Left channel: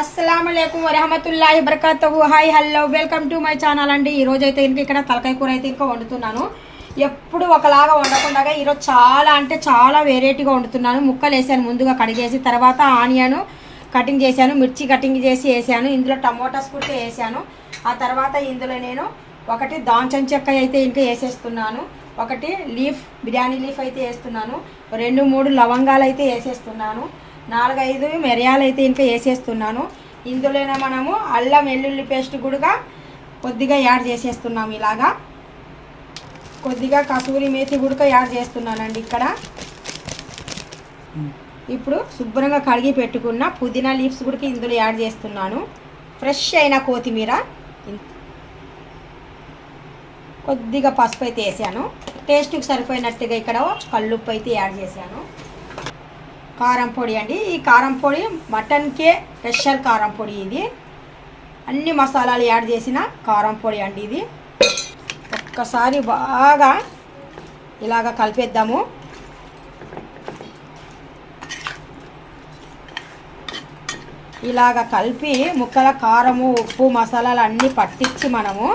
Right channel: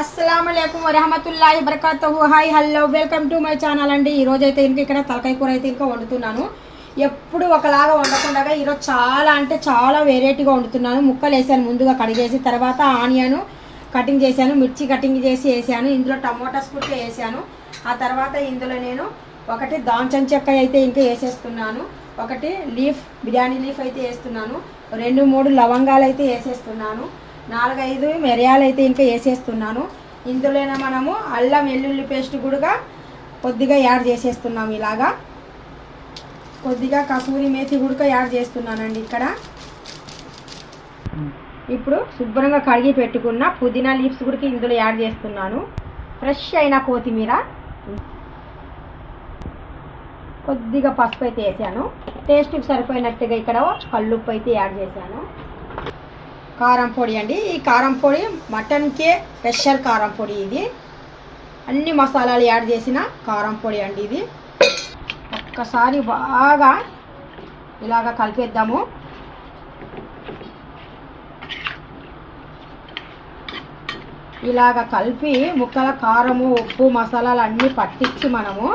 అస్సలాముఅలైకుం వరహమతుల్లాహి వబరకాతుహు. Hi hello welcome to my channel అండి. ఈరోజు అయితే ఇంక ఇక్కడ తలకాయ కూర అయితే ఇంకా వండుతున్నాను. ఎప్పుడు ఒకలాగా వండకుండా ఈరోజు చాలా అంటే చాలా వెరైటీగా వండుతున్నాను. ముక్కలు వేసాను, ముందుగా కడిగేసి తర్వాత ఆనియన్ కటింగ్ చేశాను, మిర్చి కటింగ్ చేసి వేసాను, ఇందులో టమోటాస్ కూడా వేసాను. ఆ తర్వాత ఇందులో నేను ఒకటి దాల్చిన చెక్క అయితే ఇంకా వేసేస్తున్నాను, ఒకటి బిర్యానీ లీఫ్ అయితే వేస్తున్నాను, 2-3 లవంగాలు అయితే వేసేస్తున్నాను, 4-5 మిరియాలు అయితే ఇంకా వేసేస్తున్నాను. ఇందులోనే మనము అల్లం వెల్లుల్లి పేస్ట్ కూడా కొద్దిగా యాడ్ చేసేస్తున్నాము. ఇలాగా కొద్దిగా కసూరి మేతి కూడా యాడ్ చేస్తున్నానండి. ఇక్కడ ఇప్పుడు శుభ్రంగా కడిగి పెట్టుకున్న పుదీనా లీవ్స్ కూడా ఇందులో యాడ్ చేస్తున్నాను. ఫ్రెష్ అయిన కొత్తిమీర, కొద్దిగా పసుపు అయితే వేసాను, టేస్ట్కి సరిపోయినట్టుగా ఇక్కడ కల్లుప్పు అయితే యాడ్ చేశాను. కారం పొడి అండి, ఈ కారం పొడి మటన్కే స్పెషల్ కారం పొడి, ఇది అన్ని మసాలాలు యాడ్ చేసిన కారం పొడి అండి. ఇది ఒక్కసారి బాగా ఇలాగ కలిపేద్దాము. ఇలాగ కలిపి ముక్కల కారము ఉప్పు మసాలాలు అన్నీ పట్టించి మనము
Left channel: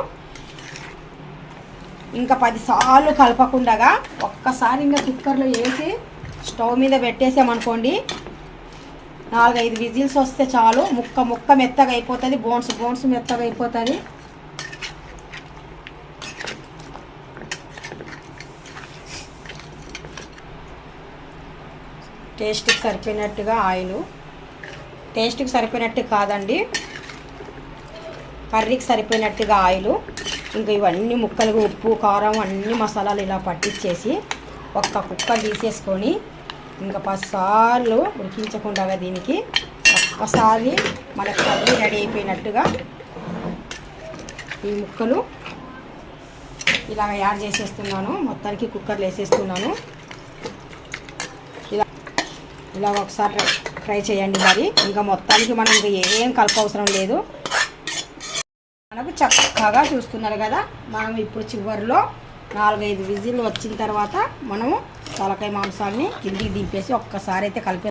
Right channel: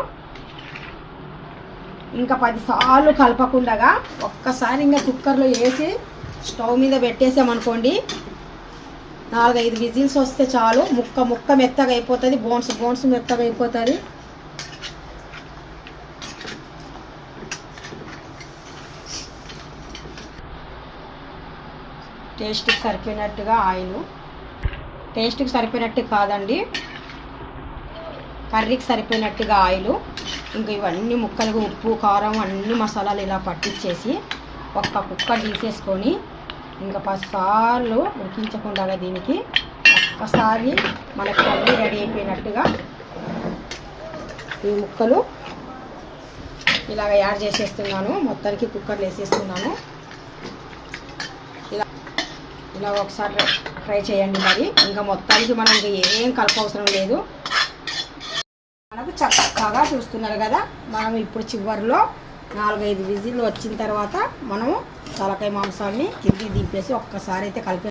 ఇంకా 10 సార్లు కలపకుండా ఒక్కసారి ఇంకా కుక్కర్లో వేసి స్టవ్ మీద పెట్టేసామనుకోండి, 4-5 విజిల్స్ వస్తే చాలు. ముక్క మెత్తగా అయిపోతుంది, బోన్స్ మెత్తగా అయిపోతుంది. టేస్ట్కి సరిపోయినట్టుగా ఆయిల్, టేస్ట్కి సరిపోయినట్టు కాదండి, కర్రీకి సరిపోయినట్టుగా ఆయిల్. ఇంకా ఇవన్నీ ముక్కలుగా ఉప్పు కారం అన్ని మసాలాలు ఇలా పట్టించేసి ఒక్క కుక్కర్ తీసేసుకొని ఇంకా 10 సార్లు ఉడికించకుండా దీనికి ఒక్కసారి మనకు కర్రీ రెడీ అయిపోయినట్టుగా ఈ ముక్కలు ఇలాగ యాడ్ చేసేస్తున్నాను. మొత్తానికి కుక్కర్లో వేసేస్తున్నాను. ఇలా ఒకసారి ట్రై చేయండి. మరి ఇంకా మొత్తానికి మనం ఇంకా ఏం కలపవసరం లేదు. మనకు చక్కగా చూస్తున్నారు కదా. మనం ఇప్పుడు చివరిలో 4-5 విజిల్లు వచ్చిన తర్వాత మనము తలకాయ మాంసాన్ని కిందికి దింపేసి ఒక్కసారి అయితే కలిపి